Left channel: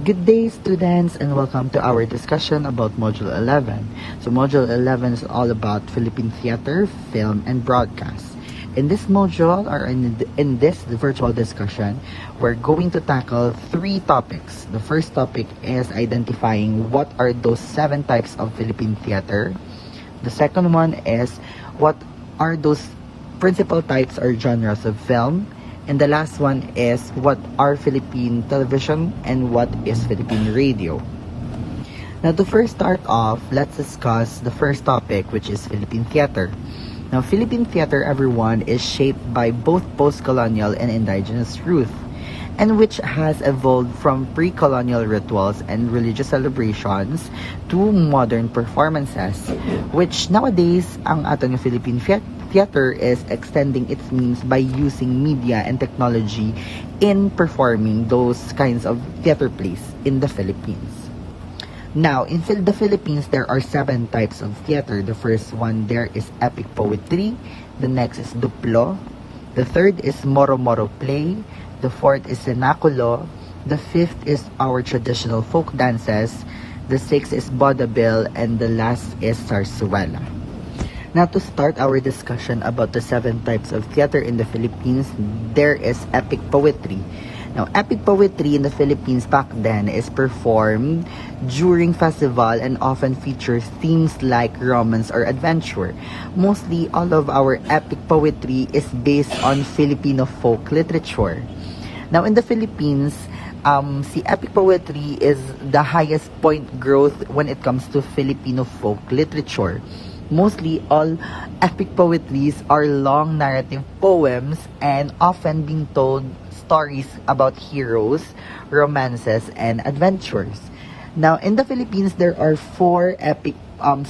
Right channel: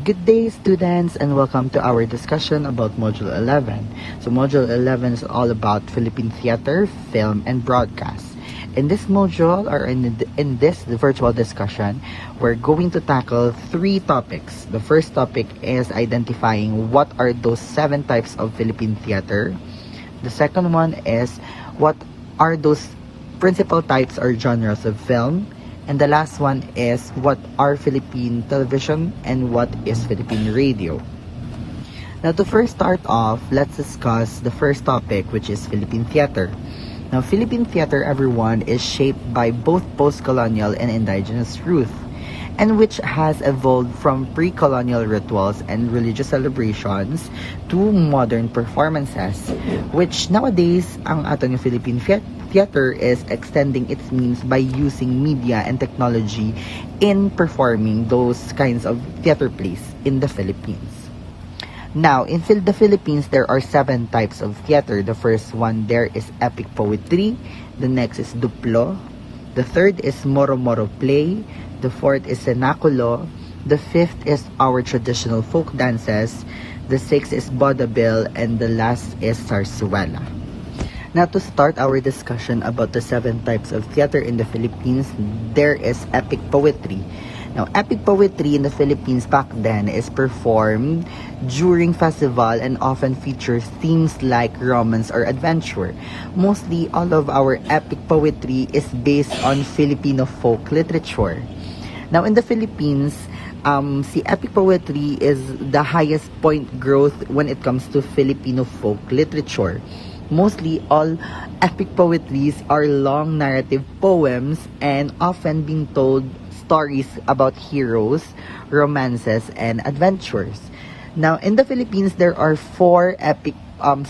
Good day, students, and welcome to our discussion about Module 11. So, Module 11 is all about Philippine theater, film, and broadcast. In this module, or in this virtual discussion, we're going to tackle three topics. The first topic is identifying what are those seven types of Philippine theater. The second one is what are those principal types or genres of film. And the last one is what are Philippine television and what is Philippine radio. Now to first start off, let's discuss the first topic, which is Philippine theater. Now Philippine theater, everyone, is shaped by both post-colonial and indigenous roots, and which has evolved from pre-colonial rituals and religious celebrations to modern performances, which nowadays ang ating Philippine theater is extending its means by using media and technology in performing those kinds of theater plays in the Philippines. Now, in the Philippines, there are seven types of theater. The first one there is epic poetry. The next is duplo. The third is moro-moro play. The fourth is cenaculo. The fifth is our traditional folk dances. The sixth is vaudeville, and the last is zarzuela. Now, to start our discussion about the seven types of theater in the Philippines, there is epic poetry. Now, epic poetry in the Philippines back then is performed during festival and often features themes like romance or adventure. Mostly, all of our epic poetry is based on Filipino folk literature. Now, in the Philippines, si epic poetry is the highest point growth when it comes to Filipino folk literature. Mostly, all epic poetries are long narrative poems and often being told stories about heroes, romances, and adventures. Now, in the Philippines, there are four epic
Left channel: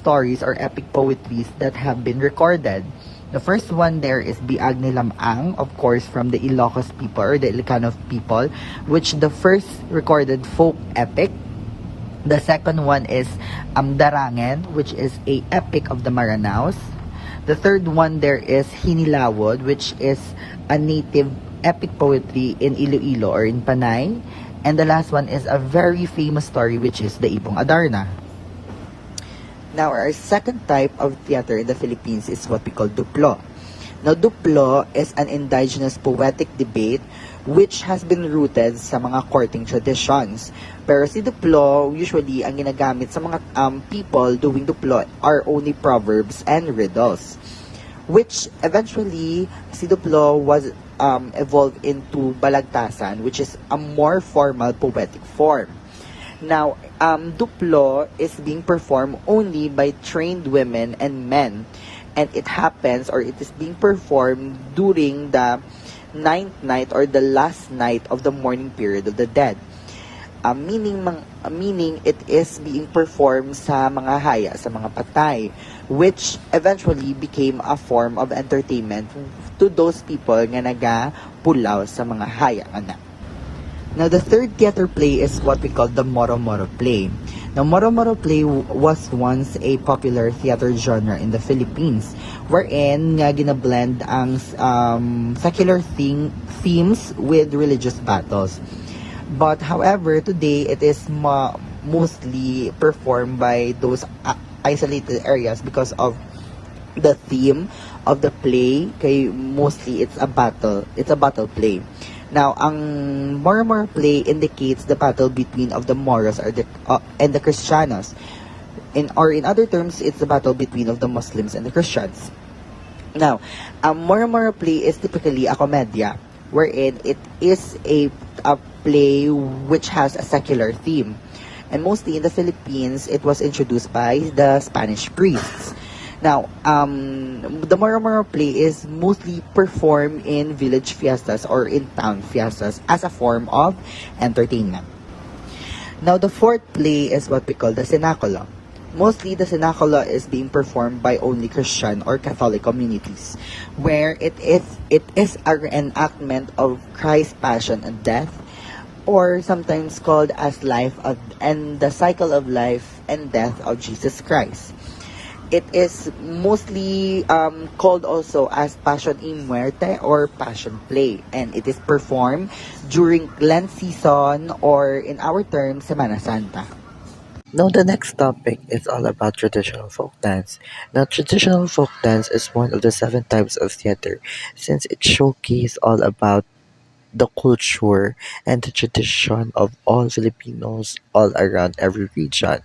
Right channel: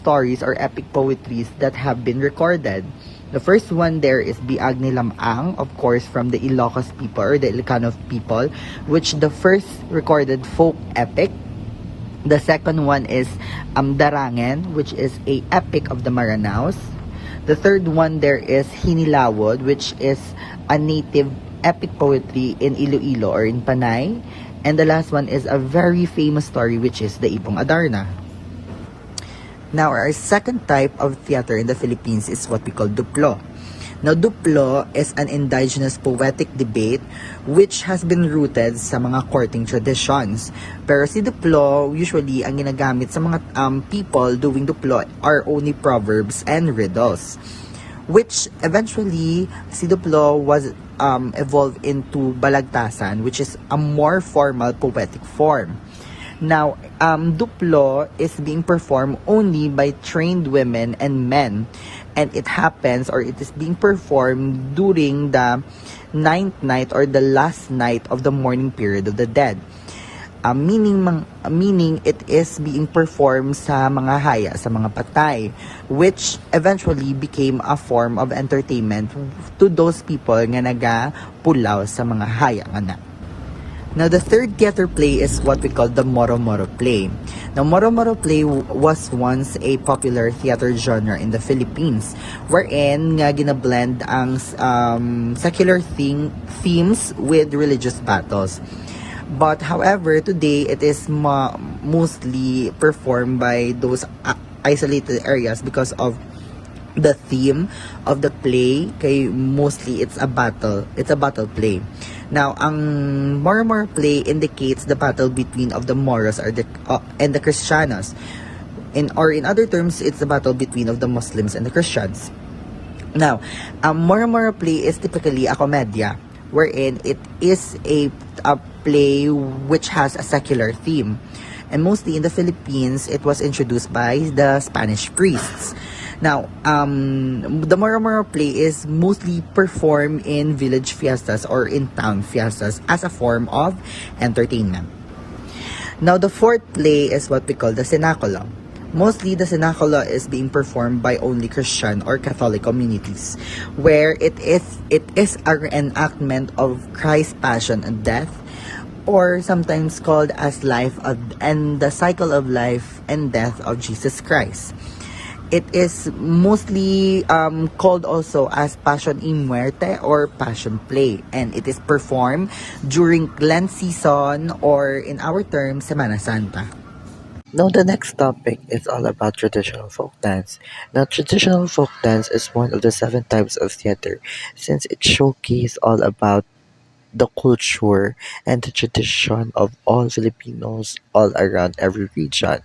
stories or epic poetries that have been recorded. The first one there is Biag ni Lamang, of course, from the Ilocos people or the Ilocano people, which the first recorded folk epic. The second one is Darangen, which is a epic of the Maranaos. The third one there is Hinilawod, which is a native epic poetry in Iloilo or in Panay. And the last one is a very famous story, which is the Ibong Adarna. Now, our second type of theater in the Philippines is what we call duplo. Now, duplo is an indigenous poetic debate which has been rooted sa mga courting traditions. Pero si duplo, usually, ang ginagamit sa mga people doing duplo are only proverbs and riddles, which eventually, si duplo was evolved into balagtasan, which is a more formal poetic form. Now, duplo is being performed only by trained women and men, and it happens or it is being performed during the ninth night or the last night of the mourning period of the dead. Meaning it is being performed sa mga haya, sa mga patay, which eventually became a form of entertainment to those people nga nagapulaw sa mga haya na. Now, the third theater play is what we call the moro-moro play. Now, moro-moro play was once a popular theater genre in the Philippines, wherein nga ginablend ang secular themes with religious battles. But however, today it is mostly performed by those isolated areas because of the theme of the play. Kay mostly it's a battle play. Now, ang moro-moro play indicates the battle between of the Moros or and the Cristianos. In other terms, it's the battle between of the Muslims and the Christians. Now, moro-moro play is typically a comedya, wherein it is a play which has a secular theme. And mostly in the Philippines, it was introduced by the Spanish priests. Now, the moro-moro play is mostly performed in village fiestas or in town fiestas as a form of entertainment. Now, the fourth play is what we call the cenaculo. Mostly, the cenaculo is being performed by only Christian or Catholic communities, where it is an reenactment of Christ's passion and death, or sometimes called as life and the cycle of life and death of Jesus Christ. It is mostly called also as Passion in Muerte or Passion Play, and it is performed during Lent season or in our term, Semana Santa. Now, the next topic is all about traditional folk dance. Now, traditional folk dance is one of the seven types of theater, since it showcases all about the culture and the tradition of all Filipinos all around every region.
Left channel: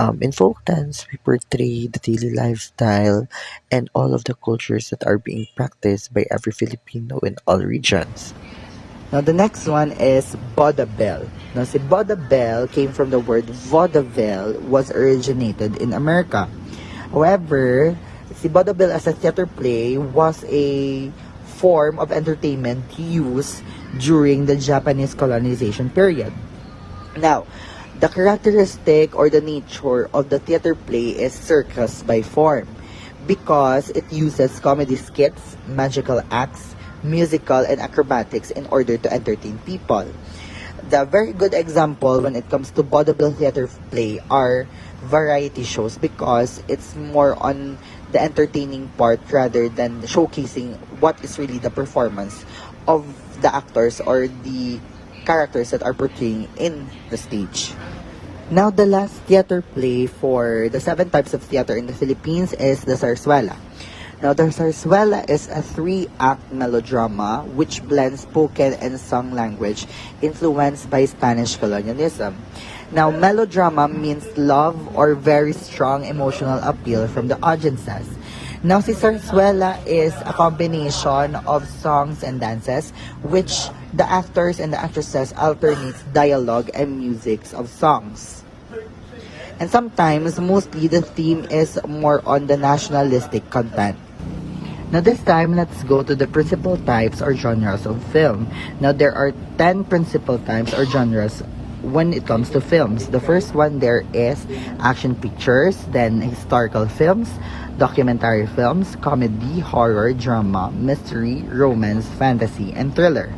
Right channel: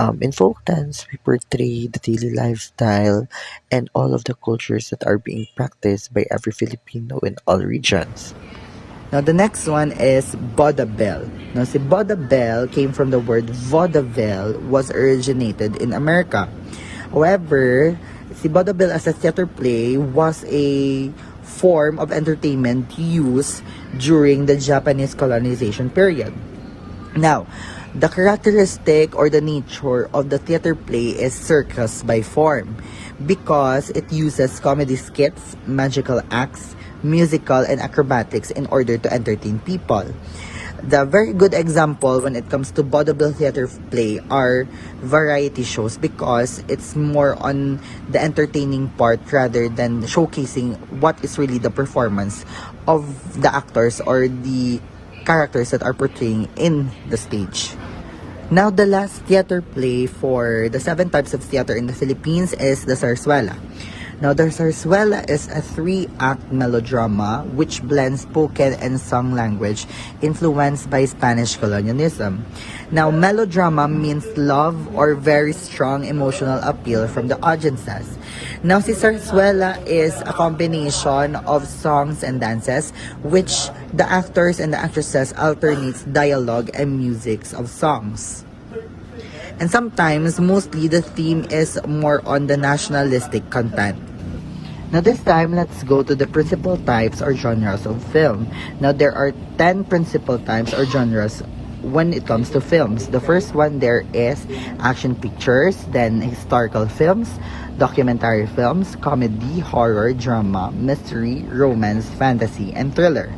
In folk dance, we portray the daily lifestyle and all of the cultures that are being practiced by every Filipino in all regions. Now, the next one is vaudeville. Now, si vaudeville came from the word vaudeville, was originated in America. However, si vaudeville as a theater play was a form of entertainment used during the Japanese colonization period. Now, the characteristic or the nature of the theater play is circus by form because it uses comedy skits, magical acts, musical, and acrobatics in order to entertain people. The very good example when it comes to vaudeville theater play are variety shows because it's more on the entertaining part rather than showcasing what is really the performance of the actors or the characters that are portraying in the stage. Now, the last theater play for the seven types of theater in the Philippines is the Zarzuela. Now, the Zarzuela is a three-act melodrama which blends spoken and sung language influenced by Spanish colonialism. Now, melodrama means love or very strong emotional appeal from the audiences. Now, si Zarzuela is a combination of songs and dances which the actors and the actresses alternates dialogue and musics of songs. And sometimes, mostly, the theme is more on the nationalistic content. Now this time, let's go to the principal types or genres of film. Now there are 10 principal types or genres when it comes to films. The first one there is action pictures, then historical films, documentary films, comedy, horror, drama, mystery, romance, fantasy, and thriller.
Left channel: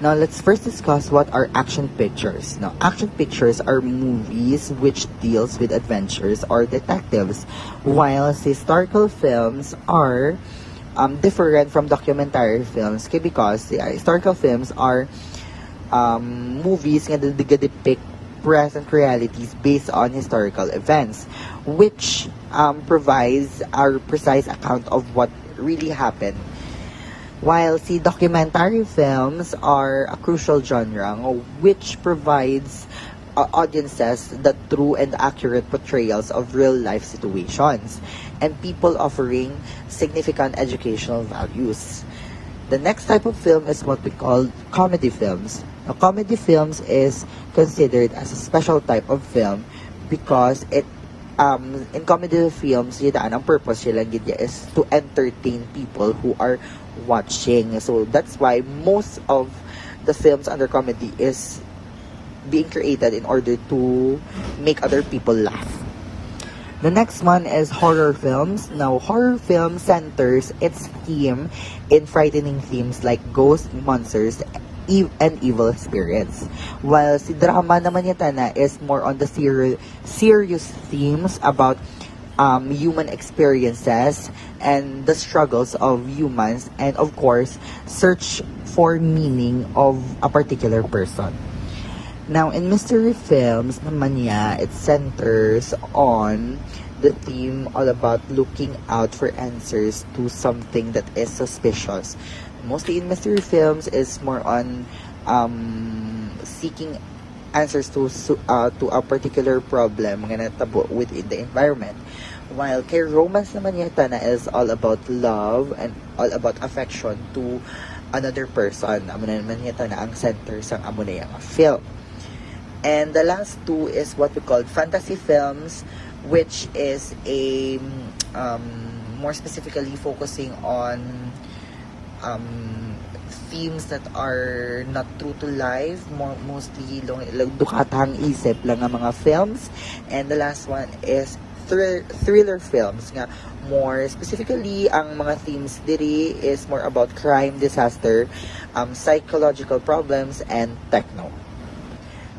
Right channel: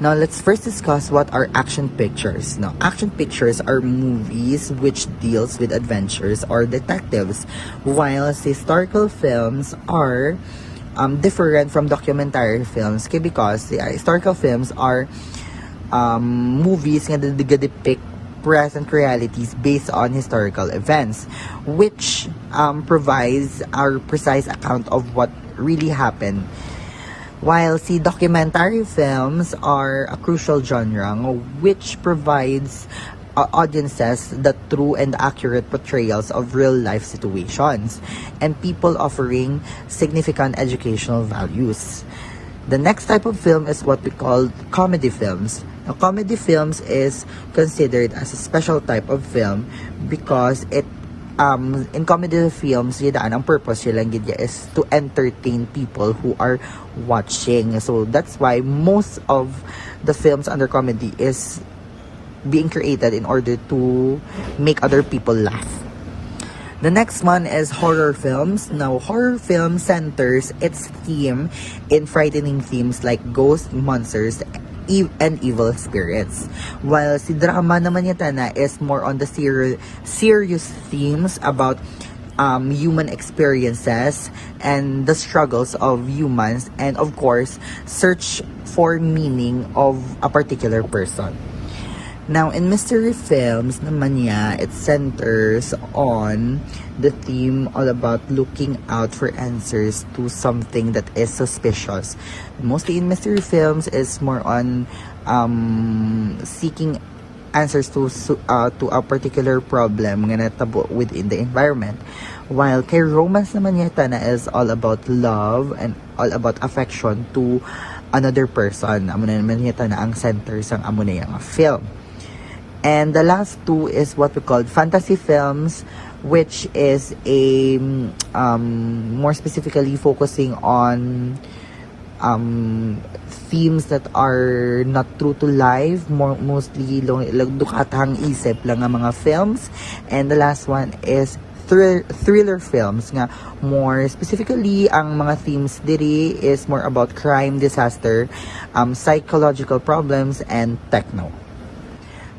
Now let's first discuss what are action pictures. Now action pictures are movies which deals with adventures or detectives, while historical films are different from documentary films because the historical films are movies that depict present realities based on historical events, which provides our precise account of what really happened, while the documentary films are a crucial genre which provides audiences the true and accurate portrayals of real life situations and people offering significant educational values. The next type of film is what we call comedy films. Now, comedy films is considered as a special type of film because it in comedy films, yun ang purpose yun lang ganyan is to entertain people who are watching. So that's why most of the films under comedy is being created in order to make other people laugh. The next one is horror films. Now, horror film centers its theme in frightening themes like ghosts, monsters, and evil spirits. While si drama naman yata na is more on the serious themes about human experiences and the struggles of humans and of course search for meaning of a particular person. Now, in mystery films naman niya, it centers on the theme all about looking out for answers to something that is suspicious. Mostly in mystery films, it's more on seeking answers to a particular problem nga natabo within the environment. While kay romance naman yata na is all about love and all about affection to another person. Amo naman yata na ang center sa amo na yung film. And the last two is what we call fantasy films, which is a more specifically focusing on themes that are not true to life, mostly like bukatang isip lang ng mga films. And the last one is thriller films nga more specifically ang mga themes diri is more about crime, disaster, psychological problems, and techno.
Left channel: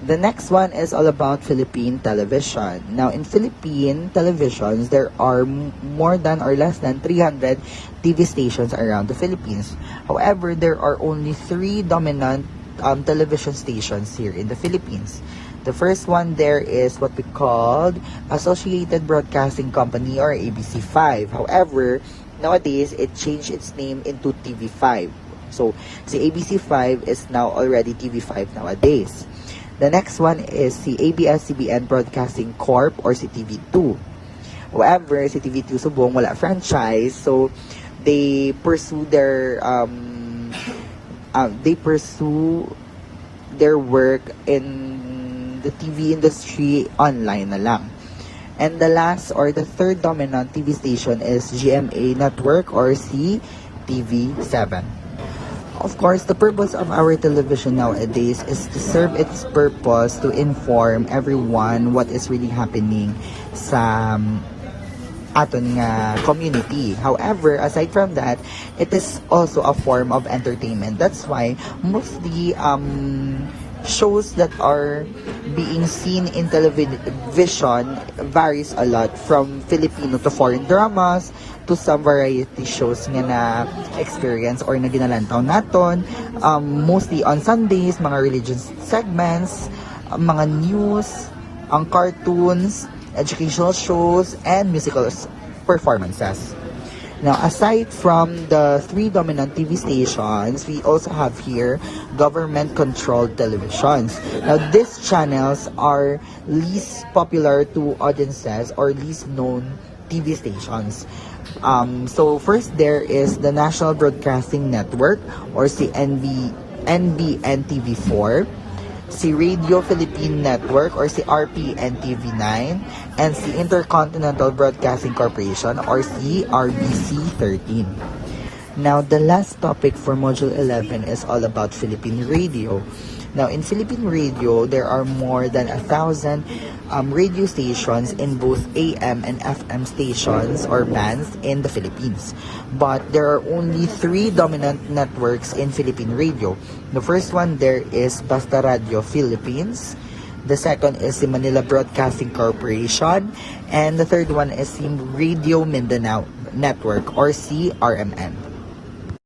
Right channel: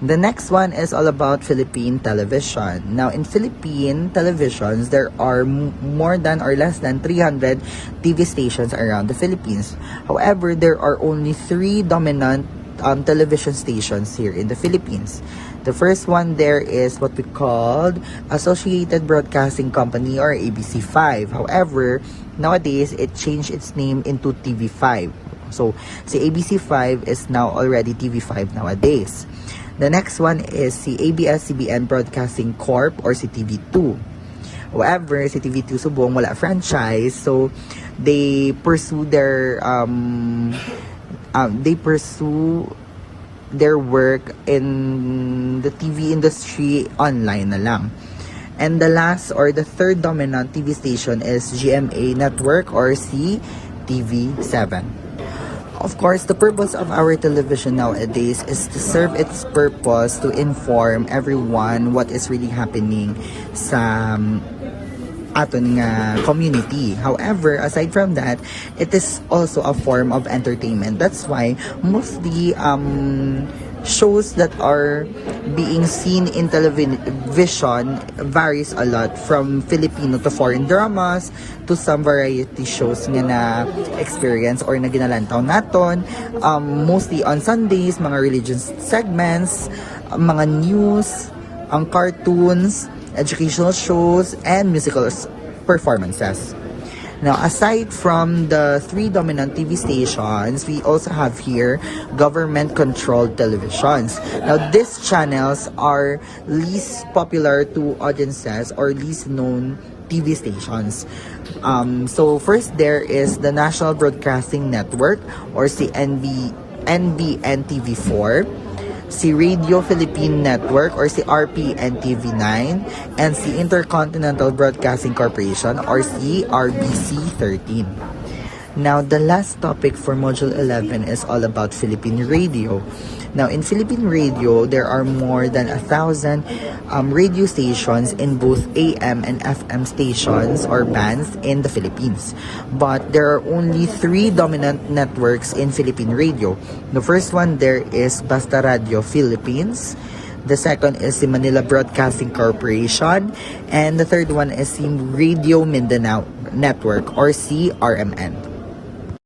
The next one is all about Philippine television. Now, in Philippine televisions, there are more than or less than 300 TV stations around the Philippines. However, there are only three dominant television stations here in the Philippines. The first one there is what we called Associated Broadcasting Company or ABC5. However, nowadays, it changed its name into TV5. So, si ABC5 is now already TV5 nowadays. The next one is si ABS-CBN Broadcasting Corp or si TV2. However, si TV2 subong wala franchise, so they pursue their work in the TV industry online na lang. And the last or the third dominant TV station is GMA Network or CTV7. Of course, the purpose of our television nowadays is to serve its purpose to inform everyone what is really happening sa aton nga community. However, aside from that, it is also a form of entertainment. That's why mostly shows that are being seen in television varies a lot from Filipino to foreign dramas to some variety shows nga na experience or na ginalantaw naton, mostly on Sundays, mga religious segments, mga news, ang cartoons, educational shows, and musical performances. Now, aside from the three dominant TV stations, we also have here government-controlled televisions. Now, these channels are least popular to audiences or least known TV stations. So, first there is the National Broadcasting Network or si NBN TV4. Si Radio Philippine Network or si RPN TV9, and si Intercontinental Broadcasting Corporation or si RBC 13. Now, the last topic for Module 11 is all about Philippine radio. Now, in Philippine radio, there are more than 1,000 radio stations in both AM and FM stations or bands in the Philippines. But there are only three dominant networks in Philippine radio. The first one there is Basta Radio Philippines. The second is the Manila Broadcasting Corporation. And the third one is the Radio Mindanao Network or CRMN.